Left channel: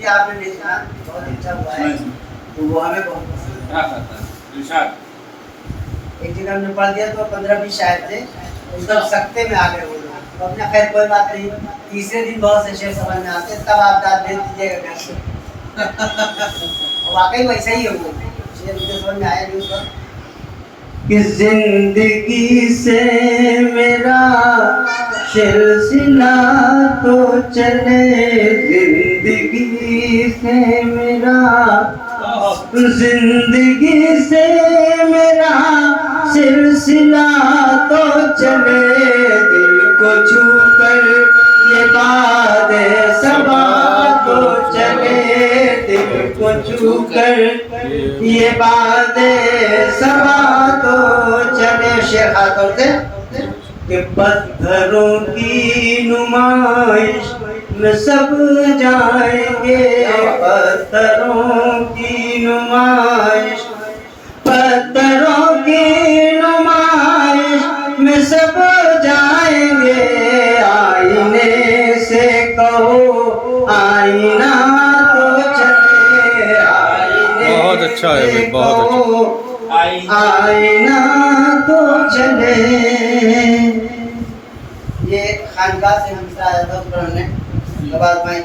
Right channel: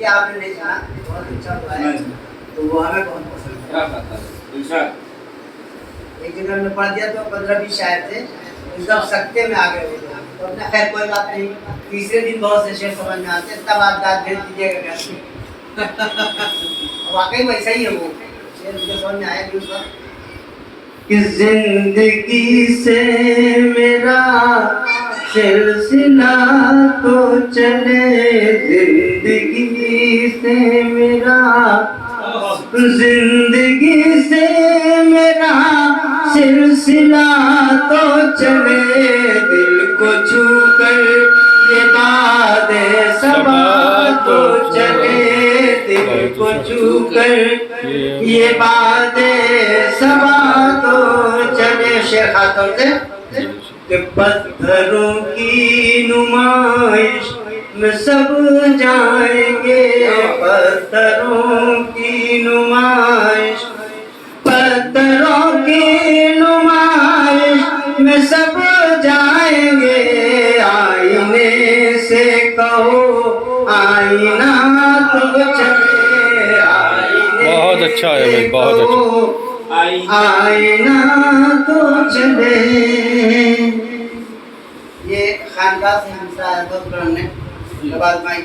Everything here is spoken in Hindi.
ये आपने नहीं सुना, बहुत अच्छा हुआ है, तो वो हमें बहुत पसंद है। एक जगह हमने पढ़ दिया तो 15-20 शायर थे, एकदम सख्ते में आ गए वो लोग, तो अपने खैर कोई बात नहीं, तीसरे दिन बहुत से शेर समझ में आते, तब आप दाद भेज दीजिएगा घर से। वाकई वैसा ही है वो शेर, मुझे समझ में आया नहीं उसका कि जिंदगी से मेरा सिलसिला तो चले, जिंदगी से मेरा, जिंदगी से मेरा सिलसिला तो चले, दिल को छू कर ये बात सबा तो चले, दिल को छू कर ये बात सबा तो चले। शेर खातों से कि पत्थरों की नुमाइश में सब जाएंगे, पत्थरों की नुमाइश, पत्थरों की नुमाइश में सब जाएंगे, आईने से कहो आईना तो चले, आईने बहुत अच्छा है भाई, बहुत अच्छा। आईना तो चले। ये खानका से दूसरा आया था पढ़ने के बाद माइक